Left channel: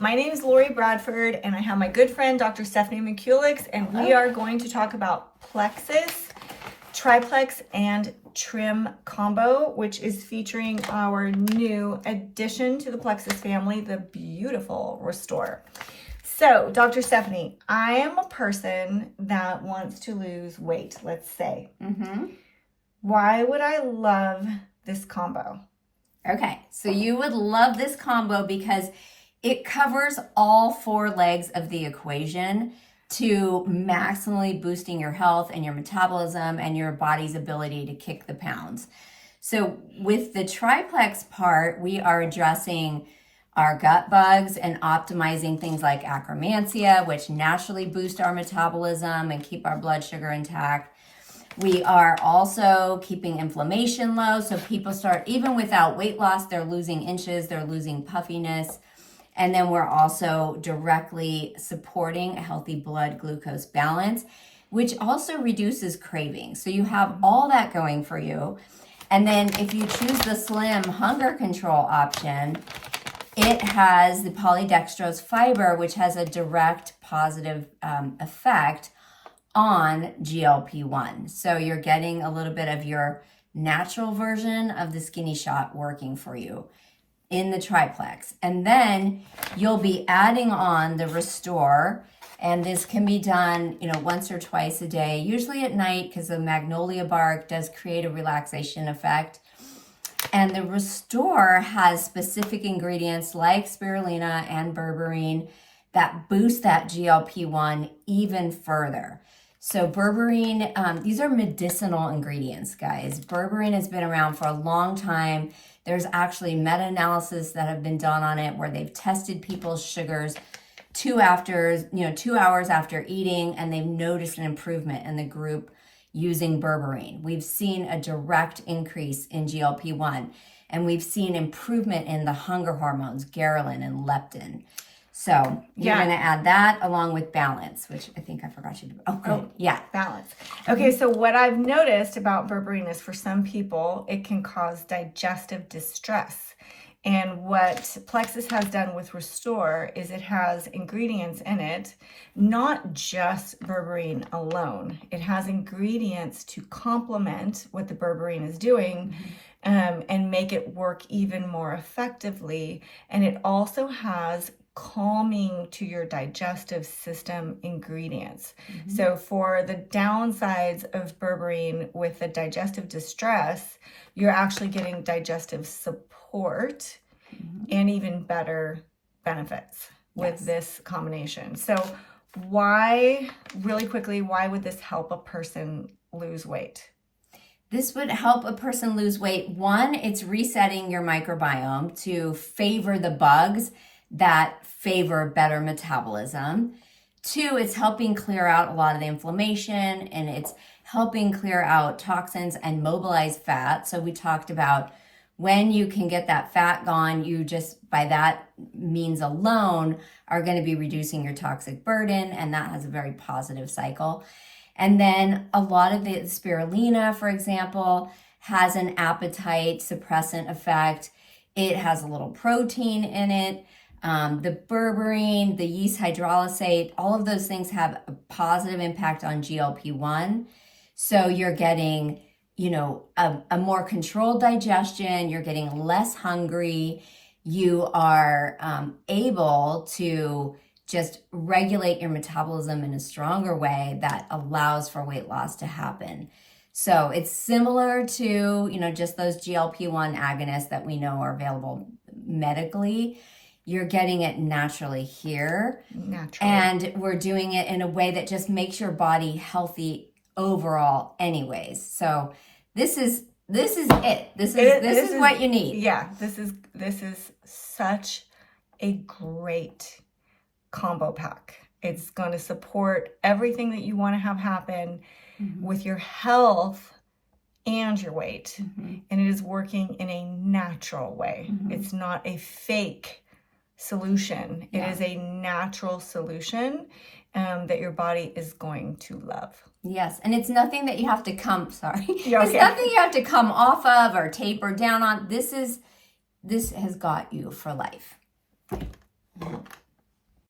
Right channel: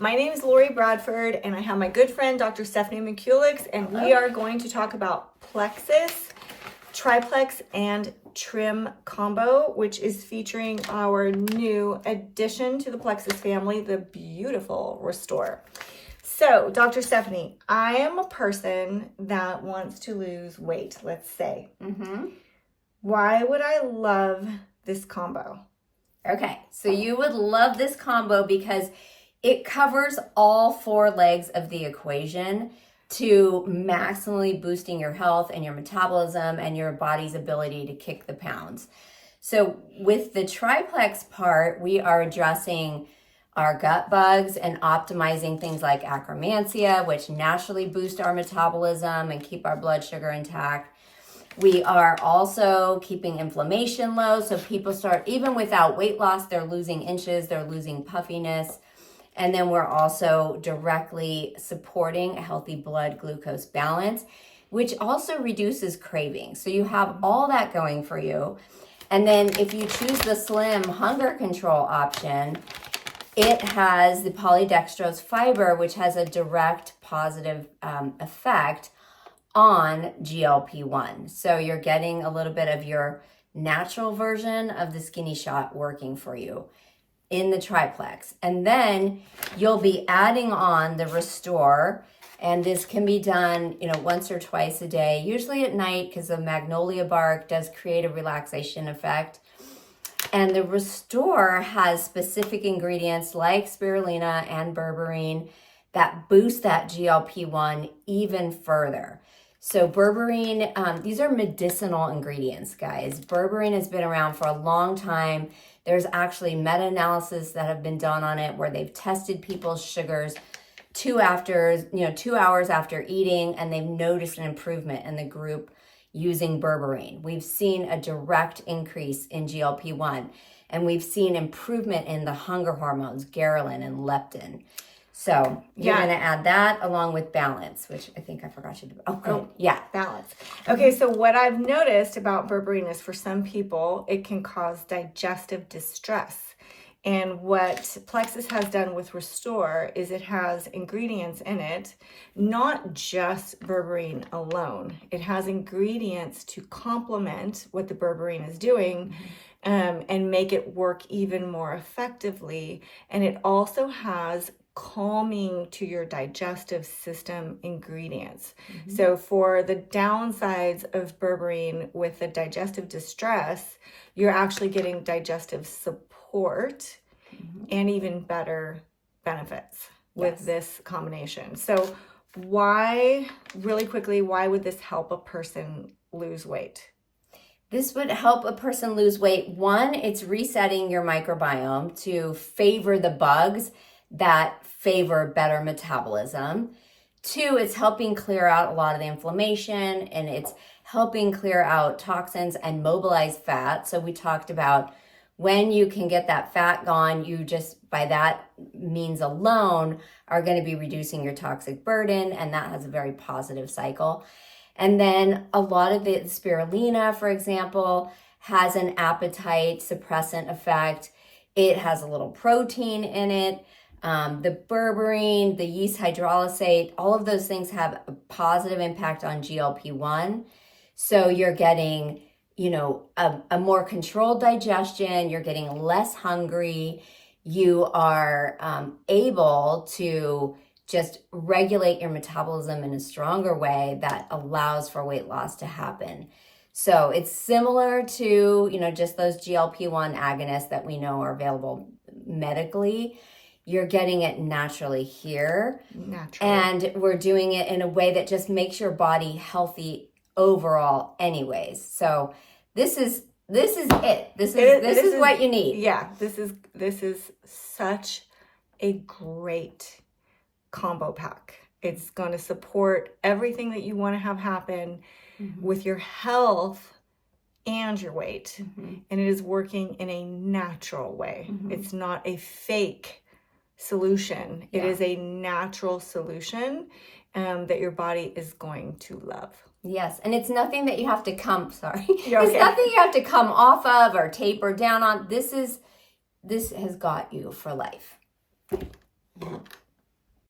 My name is Lori Bradford, and I have my good friend, Dr. Stephanie McCulix, and we are going to talk about Plexus, Triplex, and Trim combo, which is featuring our new addition to the Plexus family, the beautiful Restore. So, Dr. Stephanie, I am a person that wants to lose weight, let's say. Why would I love this combo? Okay, so you would love this combo because it covers all four legs of the equation to maximally boosting your health and your metabolism and your body's ability to kick the pounds. So with the triplex part, we are addressing our gut bugs and optimizing things like akkermansia, which naturally boost our metabolism and keep our blood sugar intact. We are also keeping inflammation low. So people start, even without weight loss, they're losing inches, they're losing puffiness. And then we're also directly supporting a healthy blood glucose balance, which also reduces cravings. So you have all that going for you. And then if you choose the slim hunger control option, it has the polydextrose fiber, which has a direct positive effect on GLP-1. So you're getting a little bit of your natural version of the skinny shot working for you in the triplex. And then you'll be adding on the Restore, and this can be done, once or twice a day, usually at night, because the magnolia bark does create a relaxation effect. And the Restore has specific ingredients like spirulina and berberine that boost that GLP-1 even further. So berberine, these are medicinal ingredients, guys. Berberine has been around for a long time. There's actually meta-analysis that have been done on it where they've tested people's sugars 2 hours after eating, and they've noticed an improvement in the group using berberine. We've seen a direct increase in GLP-1, and we've seen improvement in the hunger hormones, ghrelin and leptin. So you're going to add that along with balance, which I think I forgot you to. Balance. Okay, so what I've noticed about berberine is for some people, it can cause digestive distress. And what Plexus has done with Restore is it has ingredients in it, not just berberine alone. It has ingredients to complement what the berberine is doing. And make it work even more effectively. And it also has calming to your digestive system ingredients. So for the downsides of berberine with the digestive distress, you're actually getting digestive support and even better benefits with this combination. So really quickly, why would this help a person lose weight? This would help a person lose weight. One, it's resetting your microbiome to favor the bugs that favor better metabolism. Two, it's helping clear out a lot of the inflammation, and it's helping clear out toxins and mobilize fat. So we talked about when you can get that fat gone, you just, by that means alone, are going to be reducing your toxic burden, and that has a very positive cycle. And then a lot of the spirulina, for example, has an appetite suppressant effect. It has a little protein in it. The berberine, the yeast hydrolysate, all of those things have a positive impact on GLP-1. So you're getting, a more controlled digestion. You're getting less hungry. You are able to just regulate your metabolism in a stronger way that allows for weight loss to happen. So it's similar to, just those GLP-1 agonists that we know are available medically. You're getting it naturally here. And we're doing it in a way that just makes your body healthy overall anyways. So this is it. This is what you need. Yeah, this is such a great combo pack. It's going to support everything that you want to have happen with your health and your weight. And it is working in a natural way. It's not a fake solution. It is a natural solution that your body is going to love. Yes, and it's nothing that you have to It's nothing you have to come off of or taper down on. This has got you for life.